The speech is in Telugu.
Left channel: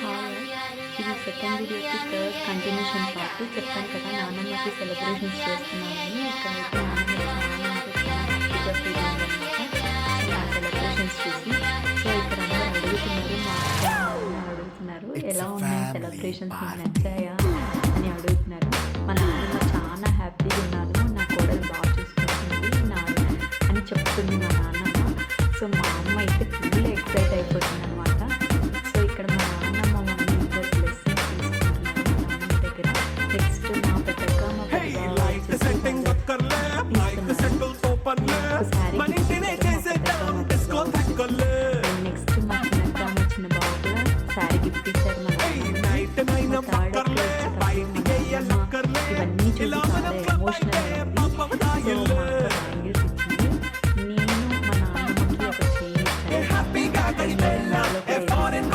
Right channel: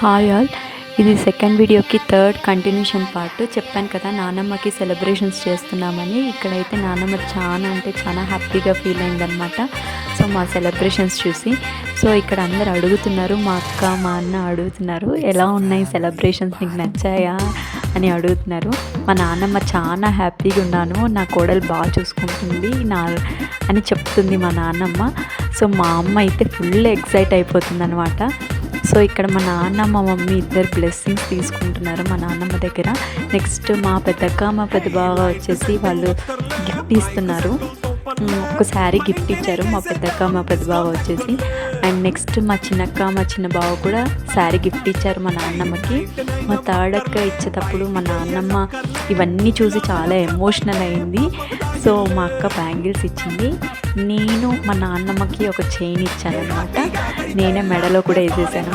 హాయ్ ఆల్, ఇది సెకండ్ వీడియోకి థర్డ్ కంటిన్యూషన్ పార్ట్. చెప్పాను కదా నానమ్మకి సెలబ్రేషన్స్ చేస్తున్నామని. ఇక్కడైతే నానమ్మ చాలా హ్యాపీగా ఫీల్ అయిందనమాట. సో మా సెలబ్రేషన్స్ చూసి ఇక్కడ అందరు అడుగుతున్నారు, మా అక్క మా అన్న అడుగుతున్నారు, ఎలా ఉన్నాయి సెలబ్రేషన్స్, నీకు నచ్చాయా అని అడుగుతున్నారు. మా నాన్నమ్మ చాలా హ్యాపీగా ఉన్నాను, నా కోడలు బాగా చూసుకుంటుంది అని చెప్తుంది మా నాన్నమ్మ. సో మా అమ్మ అయితే ఫుల్ ఎక్సైట్ అయిపోతుంది అనమాట. సో ఇక్కడ మా నాన్న మా మమ్మీ ఇద్దరు బ్లెస్సింగ్స్ తీసుకుంటున్నారు మా నాన్నమ్మ దగ్గర. నెక్స్ట్ మా పెద్దక్క మా పెద్ద బావ వచ్చేసి వాళ్ళు గిఫ్ట్ ఇస్తున్నారు. ఒక శారీ గిఫ్ట్ ఇచ్చారు మా పెద్దక్క మా పెద్ద బావ వచ్చేసి. అండ్ నెక్స్ట్ మా చిన్నక్క మా చిన్న బావ కూడా శారీ గిఫ్ట్ ఇచ్చారు మా నాన్నమ్మకి. మా థర్డ్ అక్క ఇచ్చేటప్పుడు మా నాన్నమ్మ ఇవన్నీ చూసి చాలా ఎమోషనల్ అయింది. సో మా అక్క బ్యాంగిల్స్ ఇచ్చింది, నేను మా నాన్నమ్మకి ఒక చైన్ ఇచ్చాను అనమాట. నేనే మెడలో కూడా వేసేసాను.